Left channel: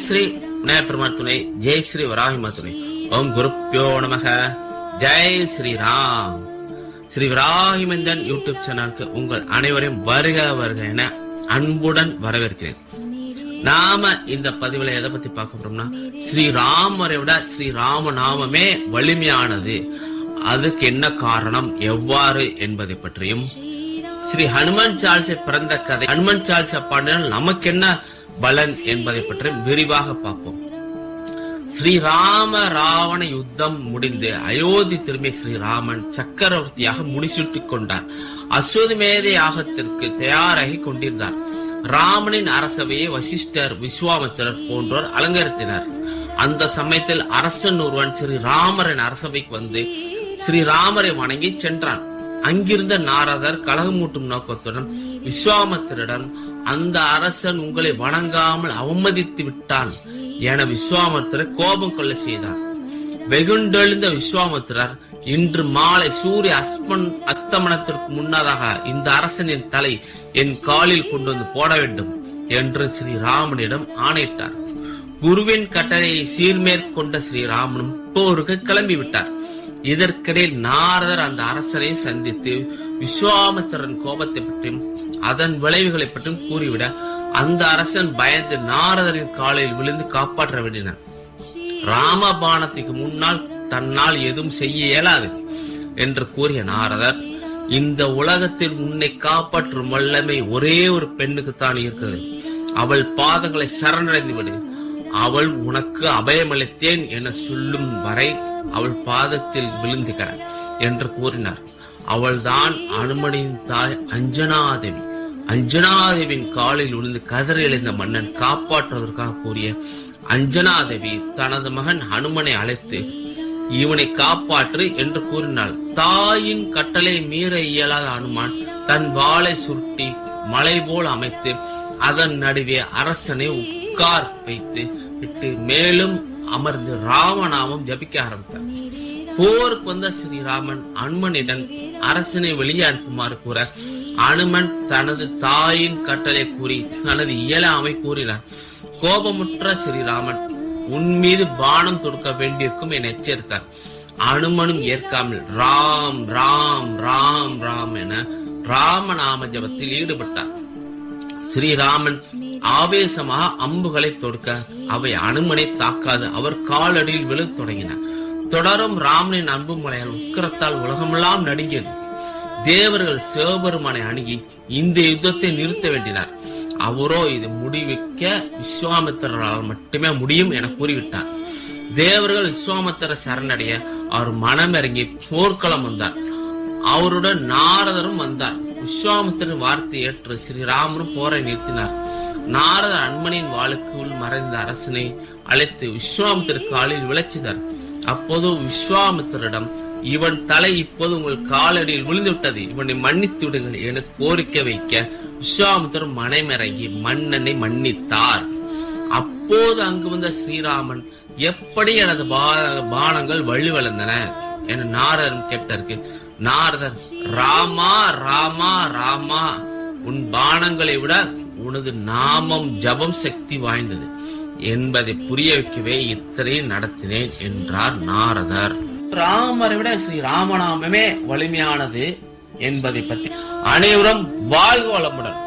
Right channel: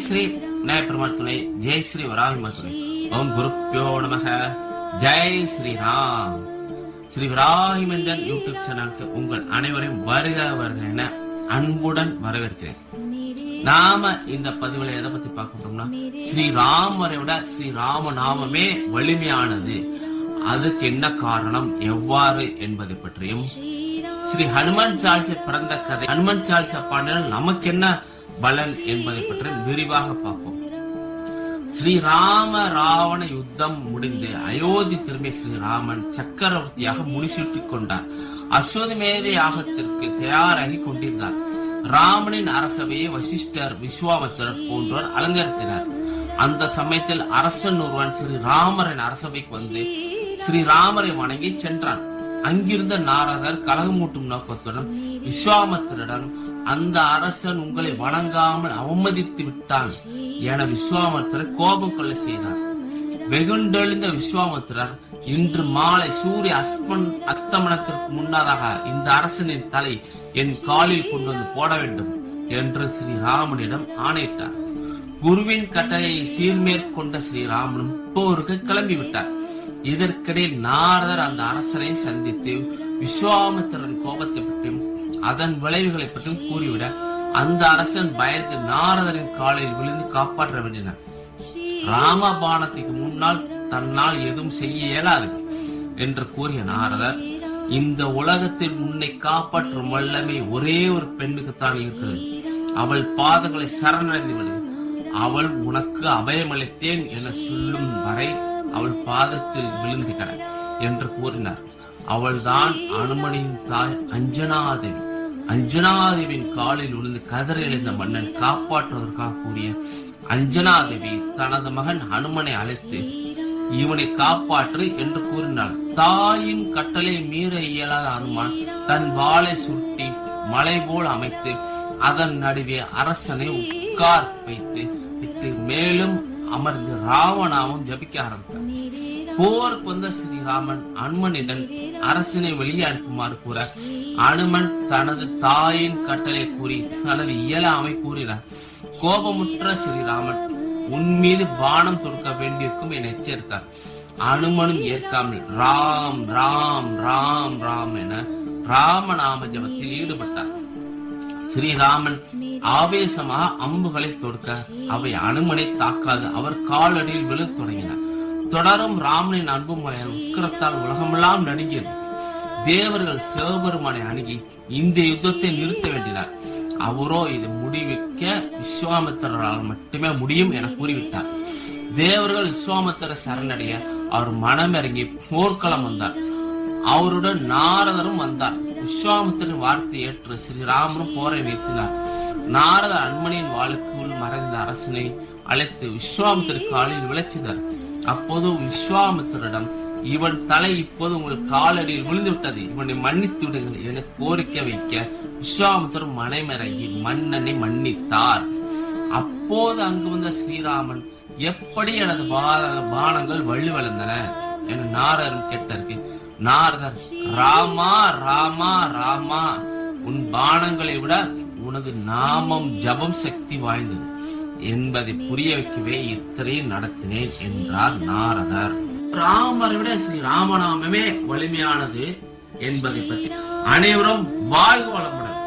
ஜெய் ஸ்ரீ விநாயகர் துணை ஜெய் ஸ்ரீ வராகிமா துணை ஓம் குருப்பியோ நமக. ஜெய் ஸ்ரீ ராம் ஸ்ரீ விராகிமந்தன் யூடியூப் சேனலுக்கு உங்கள் அனைவரையும் வருக வருக என அன்புடன் வரவேற்கிறேன். நாம இந்த பதிவுல எதை பத்தி பார்க்க போறோம்னா ஸ்ரீராமரை விட ஸ்ரீராம நாமமே வலிமையானது. அதுக்கு என்ன காரணம் எவ்வாறு என்பதை பற்றியும் ஸ்ரீ ஹனுமன் சால்சை பிறந்த கதை ஹனுமன் சால்சை பாண்டியன் நமக்கு என்ன பலன் என்பதை பற்றி விரிவாக பார்ப்போம். ஸ்ரீராம ராவண யுத்தம் முடிந்து அயோத்தி திரும்பிய ஸ்ரீராமன் சக்கரவர்த்தியாக முடிசூட்டிக் கொண்டார். அஸ்வதமேத யாகத்திற்கு தயாராகி கொண்டிருந்தார். ராமனின் அரசவையை வசிஷ்டர் விஸ்வாமித்திரர் போன்றோர் அலங்கரித்தனர். அந்த சமயத்தில் அரசன் ஒருவன் ஸ்ரீராமரின் அரசவைக்கு வந்து ஸ்ரீராமரை வணங்கி சென்றான். அங்கிருந்த நாரதர் கலகமூட்டும் நோக்கத்துடன் விஸ்வாமத்திரிடம் அந்த அரசன் உங்களை வணங்காமல் அவமதித்து விட்டான். என விஸ்வாமித்திரர் கோபம் கொள்ள செய்தார். வெகுண்டெழுந்த விஸ்வாமித்திரர் இன்று மாலை சூரிய அஸ்மன் அத்தமனத்திற்கு முன்னதாக இந்த அரசனின் தலை என் காலில் கொண்டு வந்து போட வேண்டும் என்று ஸ்ரீராமனிடம் ஆணையிட்டார். குருவின் கட்டளையை சீர்மேற்கொண்ட ஸ்ரீராமனும் போருக்கு கிளம்பிவிட்டார். இதற்கிடையில் நாரதர் அந்த அரசனை சந்தித்து விஸ்வாமித்திரன் கோபத்தை பற்றியும் அதன் விளைவுகளை பற்றியும் கூறிவிட அந்த அரசன் பயந்து நாரதரின் காலில் விழுந்து காப்பாற்ற வேண்டினான். ராமபானத்துக்கு முன்னால் தன்னால் எதுவும் செய்ய இயலாது என்று கூறிய நாரதர் இந்த உலகத்தில் உன்னை காப்பாற்றும் வல்லமை ஒரே ஒரு பெண்ணுக்கு தான் இருக்கிறது. அவள் பாதங்களை சரணடைந்து விடு. அவள் உனக்கு அபயமளித்தேன் என சொல்லும் வரை அவள் பாதத்தில் விழுந்துகிற என்று கூறினார். அவள்தான் அனுமனின் தாய் அஞ்சனாதேவி. அஞ்சனாதேவின் காலில் விழுந்து கதறி எழுந்த மன்னன் காப்பாற்றுவதற்காக கூறிய அஞ்சனாதேவி தனது மகன் ஹனுமனை அழைத்து இவனை காப்பாற்று என்று கூறினாள். தாயின் கட்டளை மீற இயலாத அனுமான் தன் வாளை சுருட்டி மலை போல் அமைத்து அதன் நடுவே அரசனை உட்கார் வைத்து விட்டு மேலும் அமர்ந்து ராமநாமம் ஜபிக்க ஆரம்பித்தார். போருக்கு வந்த ஸ்ரீராமன் அனுமனிடம் அரசனை வெளியே அனுப்புமாறு கூற அனுமன் தனது தாயின் கட்டளை கூறி தனது இயலாமை கூறினார் கோபமுற்ற ஸ்ரீராமன் உன் மீது பானம் தொடுக்க வேண்டியிருக்கும் என எச்சரித்தார். அனுமனும் ஏற்காமல் ராம் ராம் ராம் ராம் என ராமநாம ஜபத்தில் ஈடுபட்டார். ஸ்ரீராமன் ஆவேசமாக அம்புகளை தொடுக்க அவை அனுமனை தாக்காது அவர் காலடியில் விழத் தொடங்கின தொடரும் ராமனின் அன்பு மலையால் உக்கிரத்தால் உலகமெல்லாம் நடுங்கியது. தேவர்கள் சிவபெருமானை அணுகி இந்த யுத்தத்தை நிறுத்த வேண்டினார். அவரோ இது முடிவிக்க விஸ்வாமித்திரரால் மட்டுமே முடியும் என கூறிவிட்டார். தேவர்கள் விஸ்வாமித்திர சரணடைய அவர் மனமிறங்கி போர்க்களம் வந்தார். அவருடன் நாரதரும் வந்தார். விஸ்வாமித்திரன் வார்த்தை ஏற்று ஸ்ரீராமரும் போரை நிறுத்தினார். நாரதர் அன்மனின் வாளுக்குள் மறைந்த அரசனை அழைத்து விஸ்வாமித்திர காலில் விளைச்சினார். அப்போது விஸ்வாமித்திரிடம் இவன் தலை இப்போது உங்கள் காலடியில் விழுந்து விட்டது இவனை மன்னித்து விடுங்கள் என கோரிக்கை வைக்க விஸ்வாமித்தர் மனைமிறங்கி மன்னனை மன்னித்தார். அப்போது அங்கு வந்த ஸ்ரீராமன் எப்படி எனது பா- பானங்கள் வலுவிழந்தன என நாரரும் கேட்டாருக்கு நாரதர் ராமா ராமா ராமா உன் பானங்களை விட உனது நாமம் ஜபம் சக்தி வாய்ந்தது. என்பதை புரிய வைக்கவே இத்தனை நடத்தினேன் என்றார் நாரதர். ராமரை விட ஸ்ரீ ராமநாமமே வலிமையானது என்பதை பற்றி அனைவரும் வாழ்க வளமுடன்